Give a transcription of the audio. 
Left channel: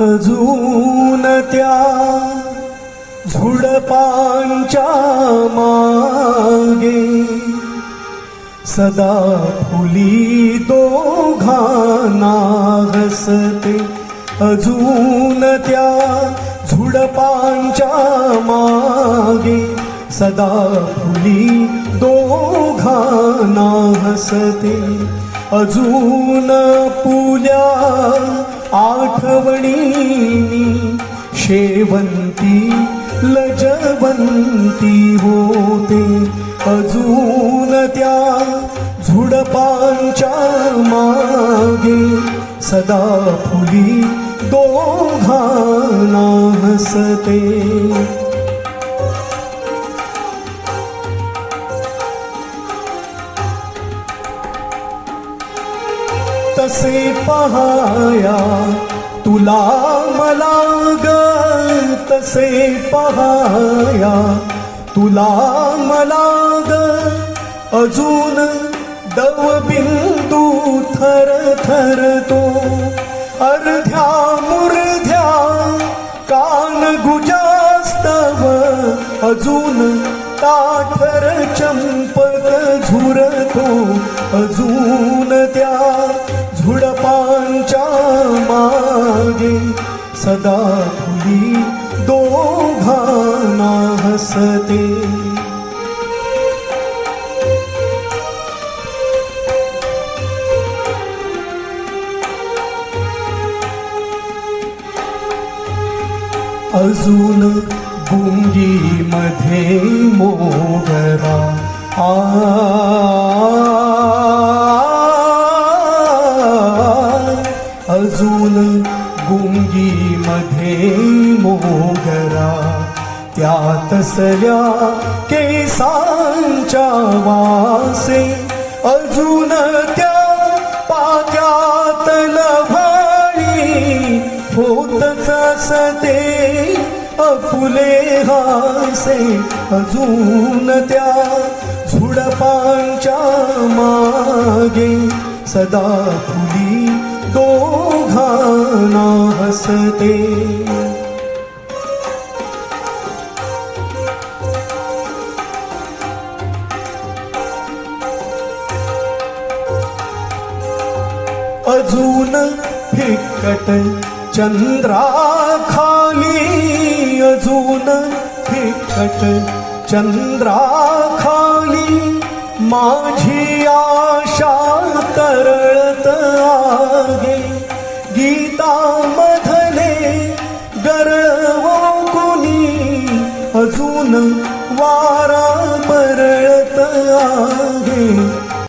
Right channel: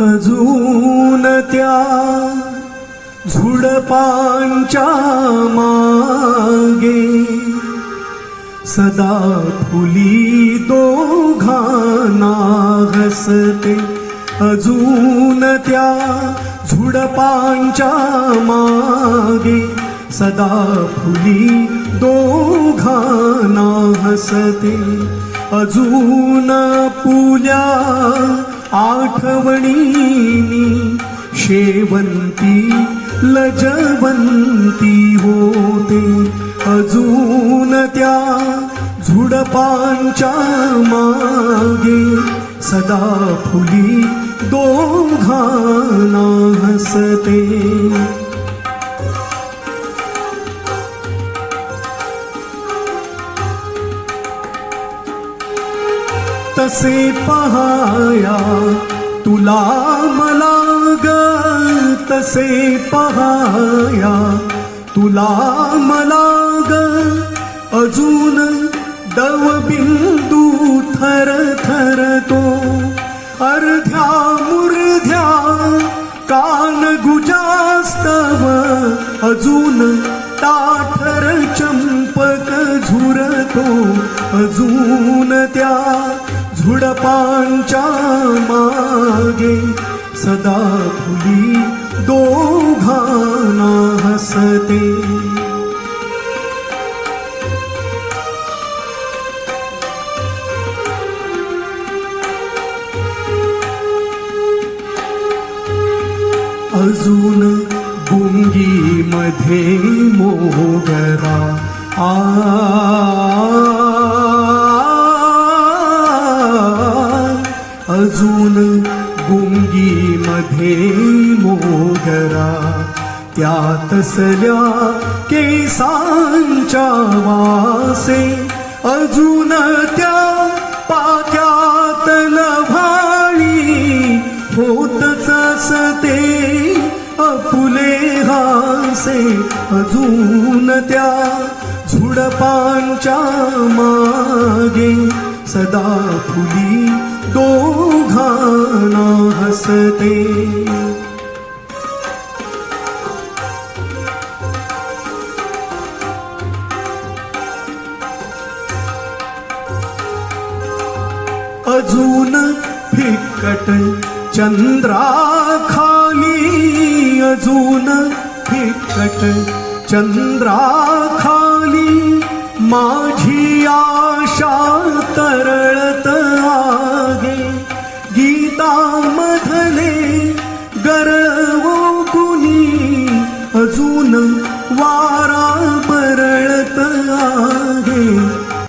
अजून त्या झुडपांच्या मागे सदा फुली दोघांना हसते. अजून त्या झुडपांच्या मागे सदा फुली दोघांना हसते. अजून पुल्या आठवणीनी शेवंती लजवंती होते. अजून त्या झुडपांच्या मागे सदा फुली दोघांना हसते. तसे पहाया तुला मला ग, तसे पहाया तुला मला ग. अजून दवबिंदू थरथरतो. अर्ध्या मुर्ध्या कान गुजास्तव. अजून ताठर चंपक झुरतो. अजून त्या झुडपांच्या मागे सदा फुली दोघांना हसते. अजून गुंगीमध्ये मोगरा अजून गुंगीमध्ये मोगरा. त्या तसल्या केसांच्या वासे. अजून त्या पाक्यात लव्हाळी होतच असते अपुले हासे. अजून त्या झुडपांच्या मागे सदा फुली दोघांना हसते. अजून फिक्कट चंद्राखाली. अजून फिक्कट चंद्राखाली माझी आशा तरळत आहे. गीतामधले गरळवो कुणी. अजून वारा